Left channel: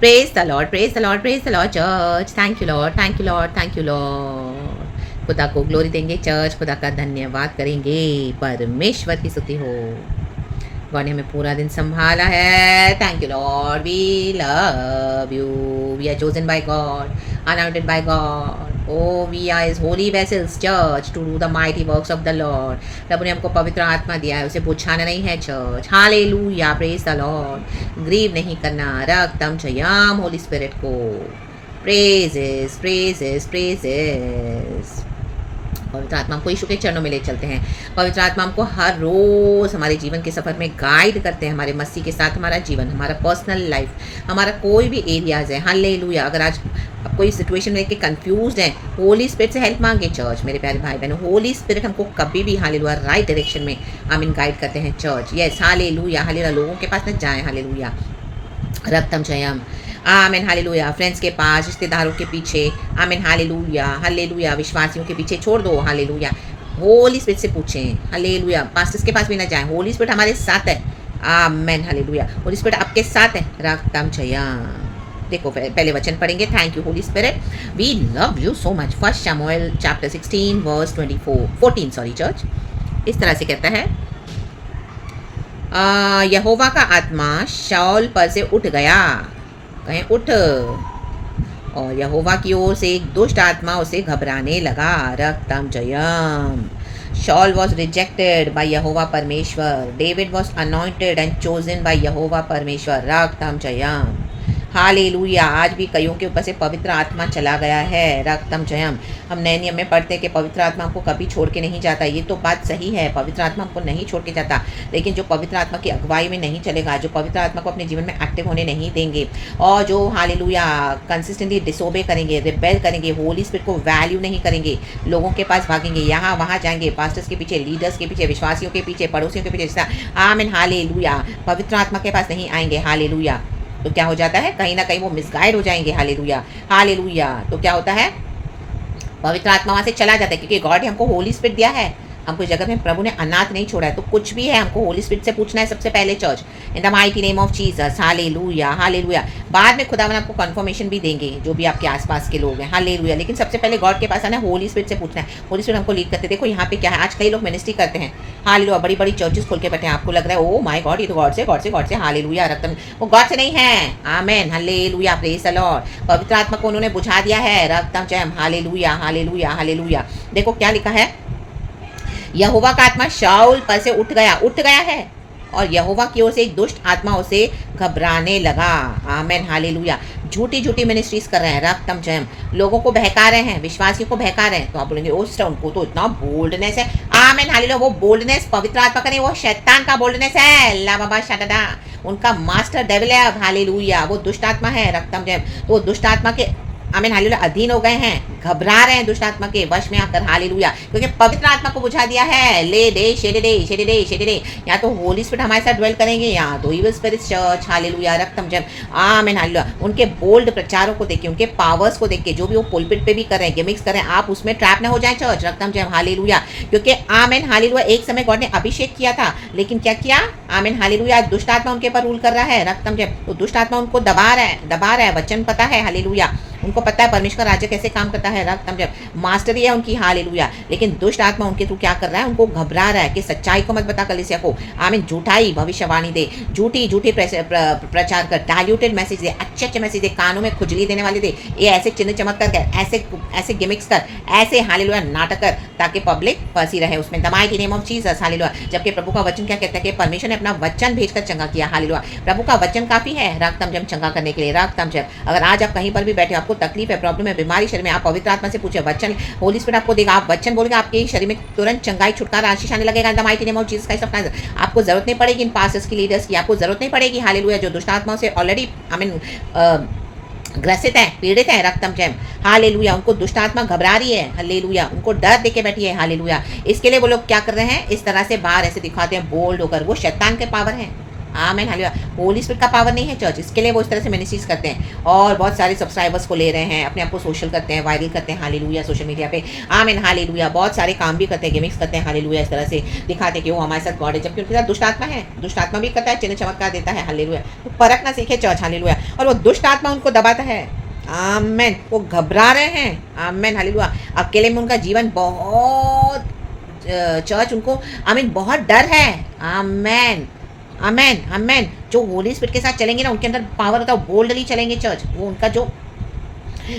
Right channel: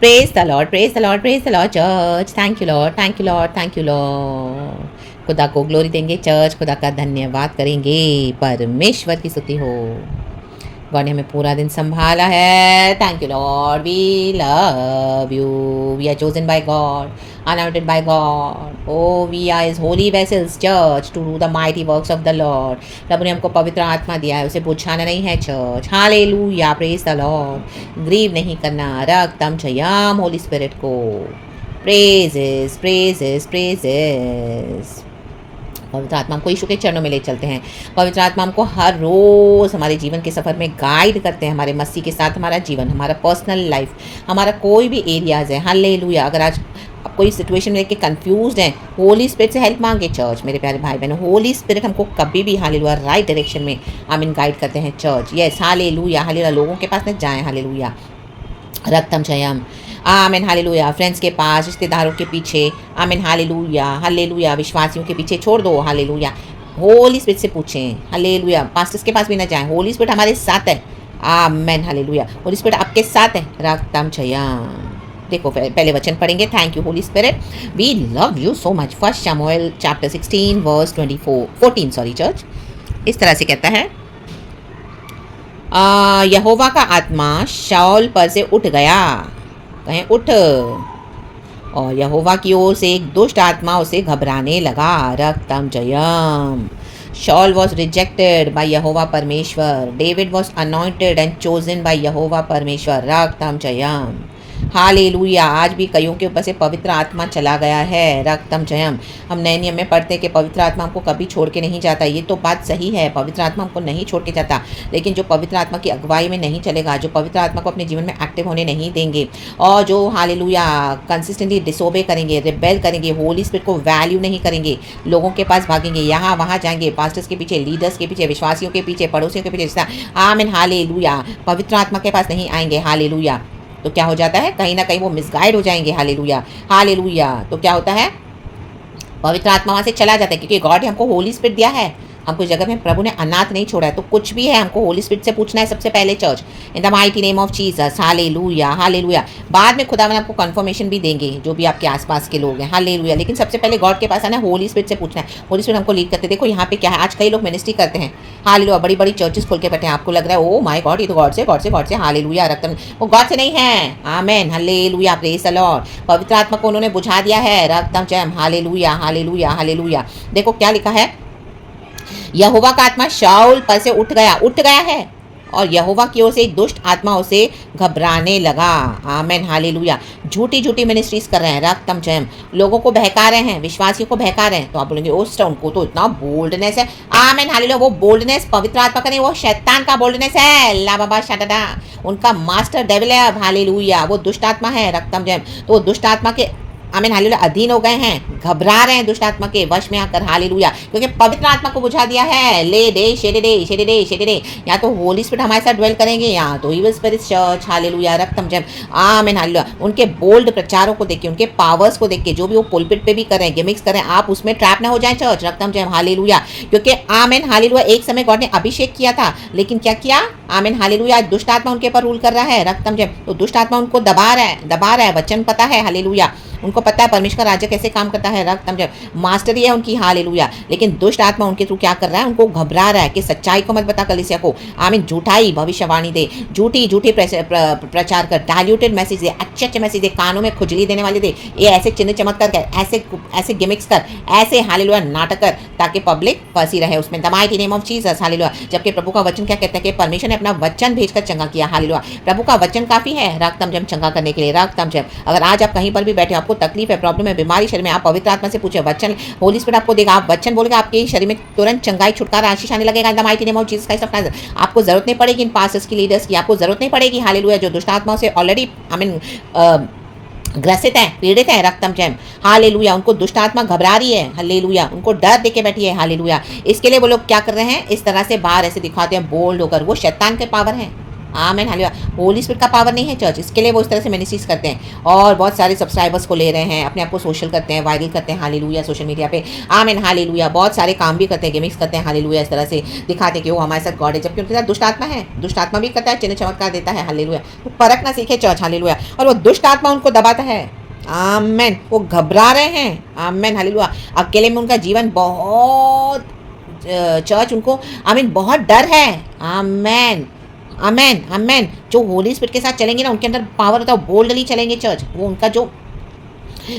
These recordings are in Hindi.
Praise the Lord, praise the Lord, praise the Lord church. Thank you Lord, thank you Lord, thank you Lord. खुदा को ग्लोरी देंगे चर्च, खुदा का धन्यवाद करेंगे। परमेश्वर की स्तुति हो। गॉड ने हमें पूरा दिन संभाला है। Thank you Lord, we love you. We are chosen by God, anointed by God. Oh we are his holy vessels church to do the mighty works of the Lord. प्रभु ने हमको पवित्र आत्मा दिया है, उसे बुझाना नहीं है church. Hallelujah, praise the Lord. Grieve नहीं करना, रक्तम जयम होली स्पिरिट को। Praises praises praises. पवित्र आत्मा हमको यीशु के चरणों में ले चलते हैं। पवित्र आत्मा हमको हर रोज़ हमारे जीवन के सफ़र में गाइड करते हैं। हमारे मसीह के साथ हमारा जीवन, हमारा पर्सनल लाइफ, हमारा कोई भी एरियाज़ है। हालेलुया। अगर आज आप कोई सिचुएशन में लेके कंफ्यूज्ड हैं, होली स्पिरिट से हेल्प मांगे चर्च। मेरे प्यारे भाई बहनों, होली स्पिरिट हमको कभी भी हालेलुया राइट डायरेक्शन में आमीन गाइड करते हैं चर्च। Yes, hallelujah hallelujah. लोगों के पास न जाएं, हालेलुया। रक्तम जयम, आमीन हालेलुया। फ्रेंड्स के पास, रिश्तेदारों के पीछे, आमीन हालेलुया हालेलुया। विश्वासियों के पीछे छोड़ दो, हालेलुया। होली स्पिरिट से पूछें, हालेलुया। पास्टर्स के पास भी ना जाएं, होली स्पिरिट हमारे साथ है। आमीन हालेलुया। होली स्पिरिट आपके साथ है। रक्तम जयम। देखो पहले वचन पढ़ेंगे। Thank you holy spirit, we love you so much. First शमूएल चैप्टर 16 वर्स 14 सॉरी चर्च। इस तरह से कहता है, यहोवा का आत्मा शाऊल पर से उठ गया। कहें उठ। और यहोवा की ओर से एक दुष्ट आत्मा उसे घबराने लगा। रक्तम जयम। शाऊल वॉज रिजेक्टेड बाय यहोवा परमेश्वर। David was anointed and chosen by यहोवा परमेश्वर। रक्तम जयम। हालेलुया। आज भी कईयों के ऊपर से पवित्र आत्मा चला गया है। रक्तम जयम। हम नए नियम में पढ़ते हैं कि पवित्र आत्मा हमको कभी छोड़ के नहीं जाता। ये तो बात सही है, पवित्र आत्मा हमको नहीं छोड़ के जाता। लेकिन जो पवित्र आत्मा की अगुवाई में नहीं चलेगा, जो पवित्र आत्मा को अपने जीवन में एक्टिव होने नहीं देंगे, और जो हालेलुया कंसिस्टेंटली डिसोबे करेंगे, रिबेल करेंगे, होली स्पिरिट को वैल्यू नहीं करेंगे, लोगों के पास भागेंगे, यहाँ वहाँ जाएंगे, पास्टर्स के पीछे, लीडर्स के पीछे, विश्वासियों के पीछे, पड़ोसियों के पीछे, आमीन हालेलुया, पवित्र आत्मा के पास नहीं आएंगे, हालेलुया, तो क्या हो जाता है, कहीं ना कहीं वो मिसगाइड हो जाएंगे। Hallelujah hallelujah. तो क्या होता है, पवित्र आत्मा वहाँ से चला जाता है, क्योंकि गॉड ने हमको होली स्पिरिट दिया है। हमको इस जगत में प्रभु ने अनाथ नहीं छोड़ा है। तो कुछ भी है, हमको होली स्पिरिट से पूछना है सबसे पहले church. In the mighty name of Jesus. Hallelujah hallelujah. बाद में खुदा आपको कंफर्मेशन भी देंगे, जो भी आपके आसपास के लोग हैं। हालेलुया। लेकिन सबसे पहले गॉड के पास आना है, होली स्पिरिट से पूछना है। होली स्पिरिट हमको लीड करते। देखो यहाँ पे क्या है, आज कई लोग मिनिस्ट्री करते हैं, हालेलुया, बड़ी बड़ी चर्चेस खोल के बैठे हैं। आपको लग रहा है ओ माय गॉड, ये तो गॉड से गॉड से गॉड से, हालेलुया, रक्तम, वो गॉड से नहीं है। आमेन हालेलुया, प्रेज द लॉर्ड। पवित्र आत्मा को उन्होंने बुझा दिया है। रक्तम जयम। हालेलुया हालेलुया हालेलुया। देखो क्या लिखा है, यहोवा का आत्मा शाऊल पर से उठ गया है, और यहोवा की ओर से एक दुष्ट आत्मा उसे घबराने लगा। Amen hallelujah. झूठी झूठी मिनिस्ट्रीज कर रहे हैं। रक्तम जयम। लोगों को बहका रहे हैं, विश्वासियों को बहका रहे हैं। तो आप बोलेंगे ओस्ट उनको तो इतना बोल्डनेस है। आमेन हालेलुया। वो बोल्डनेस पवित्र आत्मा का नहीं, वो शैतान का बोल्डनेस है। ला बाबा शटदा, उनका मास्टर डेविल है। अब हालेलुया, वो दुष्ट आत्मा है। रक्तम जयम। तो वो दुष्ट आत्मा के आमीन हालेलुया अधीन हो गए हैं, घबरा रहे हैं दुष्ट आत्मा के वश में आकर। हालेलुया। क्योंकि पवित्र आत्मा को बुझा दिया है। ले दे शेरे दे शेरे दे शेरे दे। या तो होली स्पिरिट हमारे साथ ड्वेल करेंगे, या तो evil spirit church. Hallelujah, रक्तम Jayam. आमीन हालेलुया। उनके बोल्ड प्रचारों को देख के, उनके पावर्स को देख के, जो भी वो पुलपिट पे भी कर रहे हैं, गिमिक्स कर रहे हैं, आप उसमें ट्रैप ना हो जाए चर्च। रक्तम जयम। हालेलुया। क्योंकि आमीन हालेलुया, एक समय गॉड ने अभिषेक किया था, लेकिन क्या किया, आमीन हालेलुया, दुष्ट आत्मा उनके ऊपर रूल कर रहा है। रक्तम जयम। तो दुष्ट आत्मा उनको दबा रहा है। वचन पता है, हालेलुया, उनको पता है परमेश्वर का राज्य कैसे काम करता है। रक्तम जब मास्टरी है उनकी, हालेलुया। लेकिन दुष्ट आत्मा उनके थ्रू क्या कर रहा है, उनको घबरा रहा है कि सच्चाई को मत बता कलीसिया को। आमीन। झूठाई भविष्यवाणी दे, झूठी प्रचार कर, डाइल्यूटेड मैसेज दे, अच्छे मैसेज दे, कानों में खुजली देने वाले दे, ये ऐसे चिन्ह चमत्कार कर, ऐसे गिमिक्स कर, ऐसे हालेलुया नाटक कर, ताकि पब्लिक फंसी रहे उसमें। The mighty name of Jesus. Hallelujah. जबकि प्रभु का वचन क्या कहता है कि परमेश्वर ने अपना वचन भेजकर चंगा किया। हालेलुया। प्रभु का वचन काफी है रक्तम जब चंगा करने के लिए। रक्तम जब, अगर आज आप कहीं पर भी बैठे, आपको तकलीफ है, प्रॉब्लम है, बीमारी शरीर में, आप पवित्र आत्मा से पूछे, वचन होली स्पिरिट आपको देगा। आप वचन बोलेंगे, आपके शरीर में तुरंत चंगाई, छुटकारा, आशीष आने लगेगा। The mighty name of Jesus Christ. आपको जरूरत नहीं पड़ेगी इन पास्टर्स की, लीडर्स की, आपको जरूरत नहीं पड़ेगी। हालेलुया। जो दुष्ट आत्माओं से ऑलरेडी ग्रसित है, पीड़ित है। रक्तम जयम। हालेलुया। उनको दुष्ट आत्मा घबरा रही है। हालेलुया। उनको डर देके बैठी है। हालेलुया। इसके लिए वो लोग क्या कर रहे हैं, इस तरह से बाहर ऐसे दिखाते हैं बोल्ड होकर, वो शैतान के पावर है। आमेन हालेलुया। होली स्पिरिट का पावर नहीं है चर्च, इसके लिए वो इस तरह से मिनिस्ट्रीज करते हैं और बहुत सारे सब्सक्राइबर्स को ले रहे हैं, अपने आप को सोशल करते हैं, वायरल करते हैं हालेलुया सोशल मीडिया पे। Amen hallelujah. बहुत सारे काम भी करते हैं, गिमिक्स करते हैं हालेलुया, इस तरह से दिखाते हैं कि वो हमारे साथ गॉड है, जबकि उनके साथ दुष्ट आत्मा है। दुष्ट आत्मा भी करता है, चिन्ह चमत्कार देता है हालेलुया। तो परखना सीखे चर्च हालेलुया। और वो दुष्ट आत्मा उनको दबाता है। आमेन। वो घबरा रहे हैं। Amen hallelujah. अकेले में उनका जीवन बहुत चर्च उनको आमीन बहुत डर है। आमेन आमेन आमेन। जो होली स्पिरिट के साथ चलेंगे ना, उनके अंदर पावर होता है, बोल्डली चलेंगे चर्च। वो उनका जो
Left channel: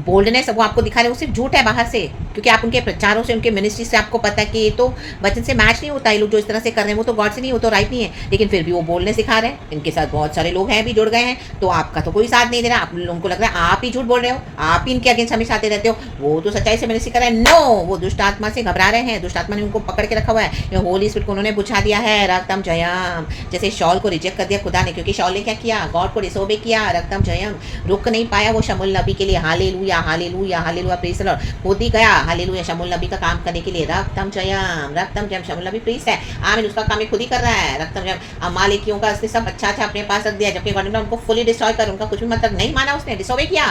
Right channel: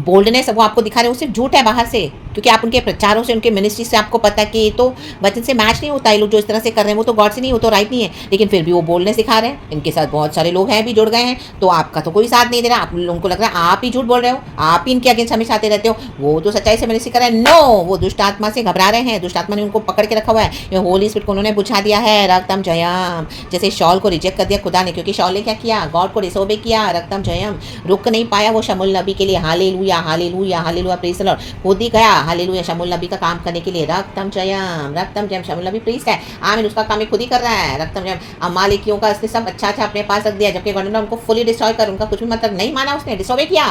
बोल्डनेस वो आपको दिखा रहे हैं, वो सिर्फ झूठ है बाहर से, क्योंकि आप उनके प्रचारों से, उनके मिनिस्ट्री से आपको पता है कि ये तो वचन से मैच नहीं होता है। लोग जो इस तरह से कर रहे हैं वो तो गॉड से नहीं, वो तो राइट नहीं है, लेकिन फिर भी वो बोलनेस दिखा रहे हैं। इनके साथ बहुत सारे लोग हैं भी जुड़ गए हैं, तो आपका तो कोई साथ नहीं दे रहा। आप लोगों को लग रहा है आप ही झूठ बोल रहे हो, आप ही इनके अगेंस्ट हमेशा आते रहते हो। वो तो सच्चाई से मिनिस्ट्री कर रहे हैं। नो, वो दुष्ट आत्मा से घबरा रहे हैं। दुष्ट आत्मा ने उनको पकड़ के रखा हुआ है। ये होली स्पिरिट को उन्होंने बुझा दिया है। रक्तम जयम। जैसे शॉल को रिजेक्ट कर दिया खुदा ने, क्योंकि शॉल ने क्या किया, गॉड को डिसोबे किया। रक्तम जयम। रुक नहीं पाया वो शमूएल नबी के लिए। हालेलुया हालेलुया हालेलुया। Praise the Lord. खुद ही गया हालेलुया शमूएल नबी का काम करने के लिए। रक्तम जयम रक्तम जयम। शमूएल नबी प्रीस्ट है, आमीन, उसका काम खुद ही कर रहा है। रक्तम जयम। अमालेकियों का उसने सब अच्छा अपने पास रख दिया, जबकि गॉड ने उनको फुली डिस्ट्रॉय कर, उनका कुछ भी मतलब नहीं माना, उसने डिसोबे किया।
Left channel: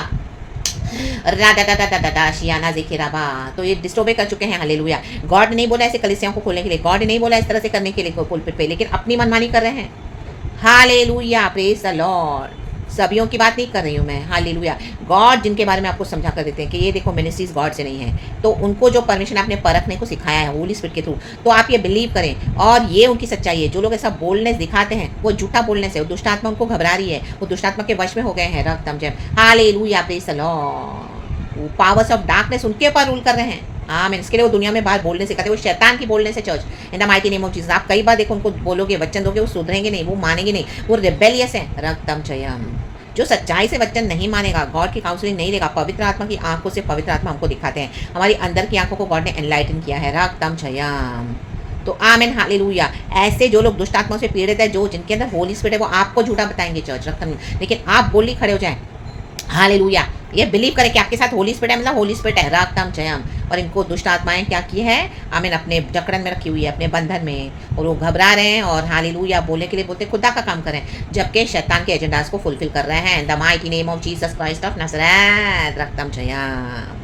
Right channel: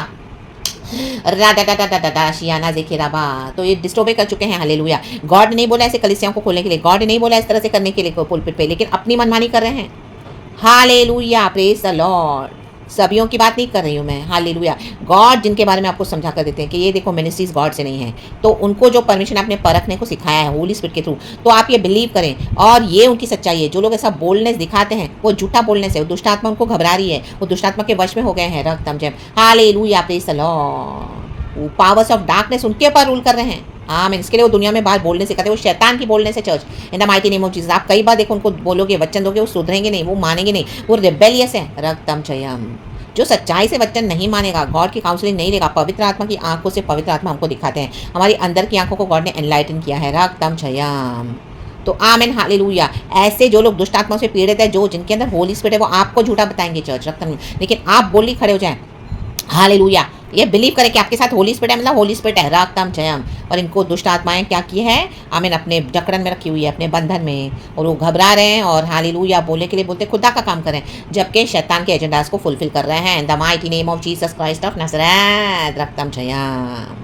शियाना ज़ेखेराबा। तो ये डिस्टोबे कर चुके हैं हालेलुया। गॉड ने नहीं बोला ऐसे कलीसियाओं को खोलने के लिए, गॉड ने नहीं बोला इस तरह से करने के लिए पुलपिट पे, लेकिन अपनी मनमानी कर रहे हैं। हालेलुया प्रेज द लॉर्ड। सभियों की बात नहीं कर रही हूँ मैं, हालेलुया। गॉड जिनके बारे में आपको समझा कर देते हैं कि ये देखो मिनिस्ट्रीज गॉड से नहीं है, तो उनको जो परमिशन आपने परखने को सिखाया है होली स्पिरिट के थ्रू, तो आप ये बिलीव करें और ये उनकी सच्चाई है। जो लोग ऐसा बोलनेस दिखाते हैं वो झूठा बोलनेस है, वो दुष्ट आत्मा उनको घबरा रही है, वो दुष्ट आत्मा के वश में हो गए हैं। रक्तम जय हालेलुया प्रेज द लॉर्ड। वो पावर्स ऑफ डार्कनेस उनके ऊपर रूल कर रहे हैं। आमीन। इसके लिए वो दुनिया में बाहर बोलने से कहते हैं, वो शैतान की बोलने से church in the mighty name of Jesus. आप कई बार देखो उनको बोलोगे, वचन दोगे, वो सुधरेंगे नहीं, वो मानेंगे नहीं, वो रिबेलियस है। रक्तम जयम। जो सच्चाई से वचन नहीं मानेगा, गॉड की काउंसलिंग नहीं लेगा, पवित्र आत्मा की आंखों से पवित्र आत्मा हमको दिखाते हैं, हमारी अंदर की आंखों को गॉड ने एनलाइटन किया है। रक्तम जयम। तो आमीन हालेलुया। ऐसे जो लोग दुष्ट आत्माओं से पीड़ित है, जो जिनके अंदर होली स्पिरिट है, वो आपको झूठा बताएंगे चर्च रक्तम, लेकिन आप बोली खड़े हो जाएं हालेलुया। ये बिलीव करें कि आपके साथ होली स्पिरिट है, मतलब होली स्पिरिट है। रक्तम जयम। और इनको दुष्ट आत्माएं क्या की है, आमीन, अपने जकड़न में रखी हुई है, अपने बंधन में, और वो घबरा रहे हैं और हालेलुया बोलने के लिए बोलते खुदा का काम करें, जबकि शैतान के एजेंडास को फुलफिल कर रहे हैं। In the mighty name of Jesus Christ of Nazareth. रक्तम जयम।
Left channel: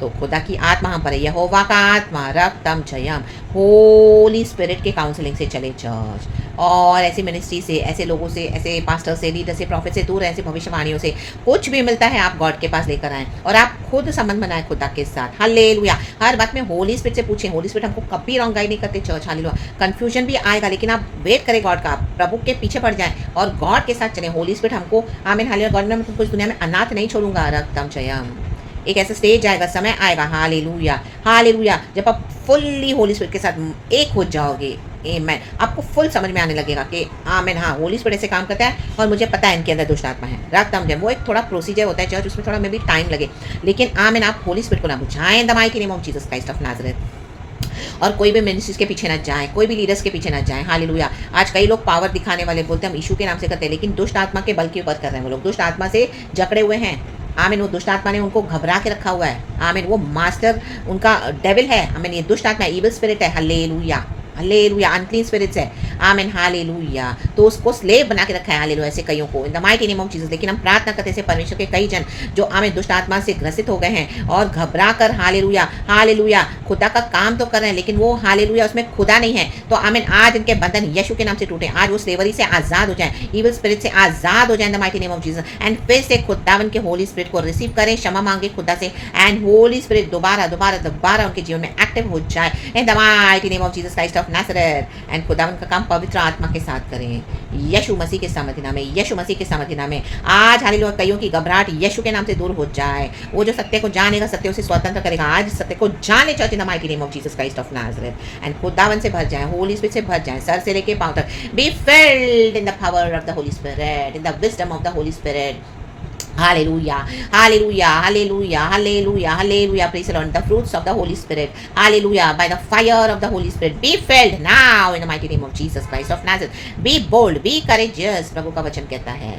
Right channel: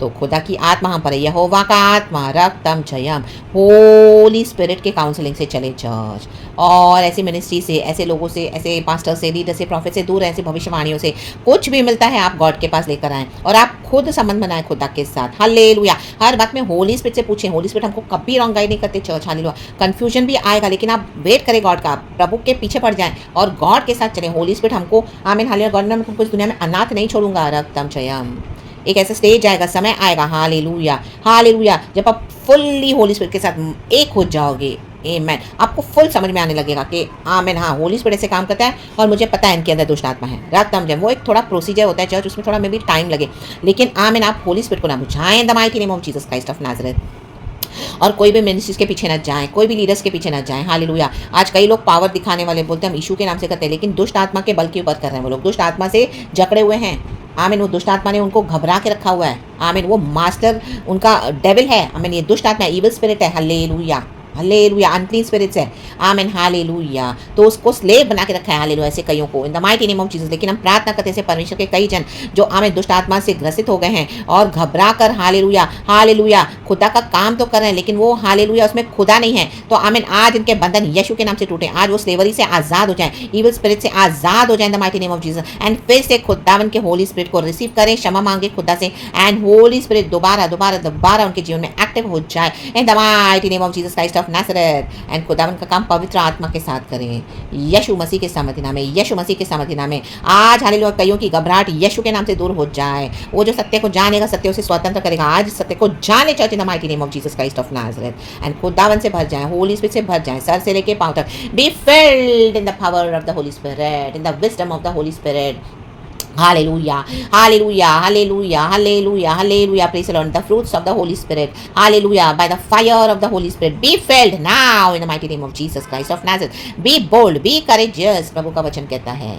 तो खुदा की आत्मा हम पर है, यहोवा का आत्मा। रक्तम जयम। होली स्पिरिट के काउंसलिंग से चले चर्च, और ऐसी मिनिस्ट्री से, ऐसे लोगों से, ऐसे पास्टर से, लीडर से, प्रॉफिट से दूर हैं, ऐसी भविष्यवाणियों से कुछ भी मिलता है आप गॉड के पास लेकर आएँ और आप खुद संबंध बनाएं खुदा के साथ। हालेलुया। हर बात में होली स्पिरिट से पूछें। होली स्पिरिट हमको कभी रॉन्ग गाइड नहीं करते चर्च। हालेलुया। कंफ्यूजन भी आएगा, लेकिन आप वेट करें गॉड का, प्रभु के पीछे पड़ जाएं और गॉड के साथ चलें। होली स्पिरिट हमको, आमीन हालेलुया, गॉड ने हमको इस दुनिया में अनाथ नहीं छोड़ूंगा। रक्तम जयम। एक ऐसा स्टेज आएगा, समय आएगा, हालेलुया हालेलुया, जब आप फुल्ली होली स्पिरिट के साथ एक हो जाओगे। आमीन। आपको फुल समझ में आने लगेगा कि आमीन, हाँ, होली स्पिरिट से काम करता है और मुझे पता है इनके अंदर दुष्ट आत्मा है। रक्तम जयम। वो एक थोड़ा प्रोसीजर होता है चर्च, उसमें थोड़ा मे बी टाइम लगे, लेकिन आमीन, आप होली स्पिरिट को ना बुझाएं the mighty name of Jesus Christ of Nazareth. और कोई भी मिनिस्ट्रीज के पीछे ना जाएं, कोई भी लीडर्स के पीछे ना जाएं। हालेलुया। आज कई लोग पावर दिखाने वाले बोलते हैं हम यीशु के नाम से करते हैं, लेकिन दुष्ट आत्मा के बल के ऊपर कर रहे हैं। वो लोग दुष्ट आत्मा से जकड़े हुए हैं। आमीन। वो दुष्ट आत्मा ने उनको घबरा के रखा हुआ है। आमीन। वो मास्टर उनका डेविल है। आमीन। ये दुष्ट आत्मा है, इविल स्पिरिट है। Hallelujah hallelujah. अनक्लीन स्पिरिट्स है। आमीन हालेलुया। तो उसको स्लेव बना के रखा है। हालेलुया। ऐसे कईयों को इन the mighty name of Jesus. लेकिन हम प्रार्थना करते हैं परमेश्वर के कई जन जो आमीन दुष्ट आत्मा से ग्रसित हो गए हैं और घबरा कर हालेलुया हालेलुया खुदा का काम तो कर रहे हैं, लेकिन वो हालेलुया उसमें खुदा नहीं है। तो आमीन, आज इनके बंधन यीशु के नाम से टूटे। आज वो स्लेवरी से आजाद हो जाए, इविल स्पिरिट से आजाद हो जाए इन the mighty name of Jesus. And फिर से खुदावन के होली स्पिरिट को रिसीव करें, क्षमा मांगे खुदा से, एंड होली स्पिरिट दोबारा दोबारा दोबारा उनके जीवन में एक्टिव हो जाए इन the mighty name of Jesus Christ of Nazareth. And खुदावन का काम पवित्र आत्मा के साथ करें, यीशु मसीह के सामर्थ्य नाम में, यीशु मसीह के सामर्थ्य नाम में। आज हालेलुया कईयों की घबराहट यीशु के नाम से दूर हो जाए। वो जो सत्य को जानेगा सत्य उसे स्वतंत्र करेगा। आज सत्य को जाने church in the mighty name of Jesus Christ of Nazareth. And खुदावन से भर जाए, होली स्पिरिट से भर जाए, सर से लेके पांव तक। Be filled in the power of the Holi spirit, in the wisdom of the Holi spirit. Hallelujah, hallelujah, hallelujah, hallelujah, hallelujah. Praise the Lord. The fruits of the Holy Spirit. Hallelujah. By the fire of the Holy Spirit. Be filled now in the mighty name of Jesus Christ of Nazareth. Be bold, be courageous. प्रभु का वचन कहता है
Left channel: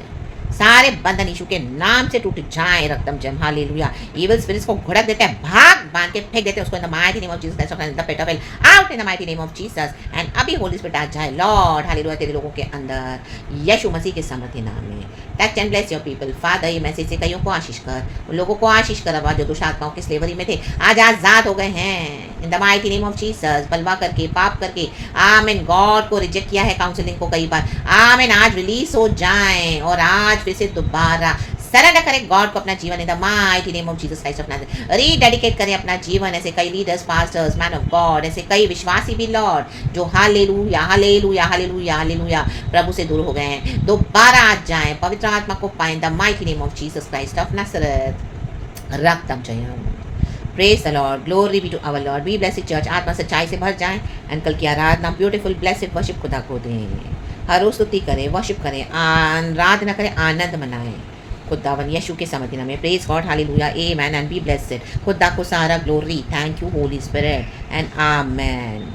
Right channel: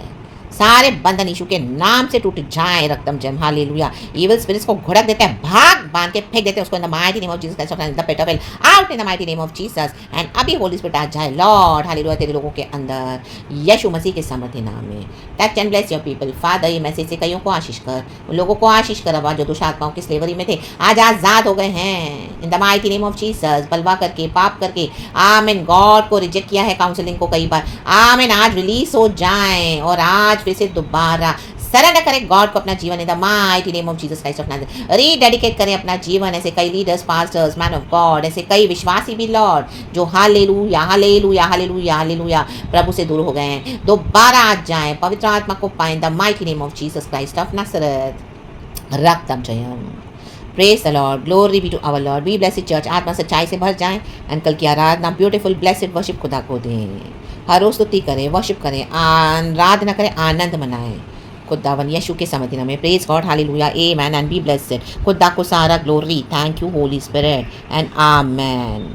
सारे बंधन यीशु के नाम से टूट जाए। रक्तम जयम हालेलुया। इविल स्पिरिट्स को घुड़क देते हैं, भाग बांध के फेंक देते हैं उसको in the mighty name of Jesus Christ of Nazareth, the pit of hell, out in the mighty name of Jesus. And अभी होली स्पिरिट आ जाए लॉर्ड हालेलुया तेरे लोगों के अंदर, यीशु मसीह के समर्थी नाम में। Touch and bless your people father. ये मैसेज से कईयों को आशीष कर, उन लोगों को आशीष कर अब जो दुष्ट आत्माओं की स्लेवरी में थे आज आजाद हो गए हैं in the mighty name of Jesus. बलवा करके, पाप करके, आमीन, गॉड को रिजेक्ट किया है काउंसलिंग को कई बार, आमीन, आज रिलीज हो जाएं और आज फिर से दोबारा सरेंडर करें गॉड को अपना जीवन in the mighty name of Jesus Christ of Nazareth. Rededicate करें अपना जीवन। ऐसे कई leaders, pastors, man of God, ऐसे कई विश्वासी भी लॉर्ड जो हालेलुया हालेलुया हालेलुया हालेलुया प्रभु से दूर हो गए हैं, दोबारा आ जाएं, पवित्र आत्मा को पाएं the mighty name of Jesus Christ of Nazareth. रक्तम जयम। Praise the Lord, glory be to our Lord. Be blessed church, आत्मा सच्चाई से भर जाएं एंड कल की आराधना ब्यूटीफुल ब्लेसिड वर्शिप खुदा को दें। हर रोज स्तुति करें, वर्शिप करें, आराधना करें, आनंद मनाएं खुदावन यीशु के समर्थन में। Praise God hallelujah amen and be blessed. खुदा को सारा glory. Thank you holy spirit and amen.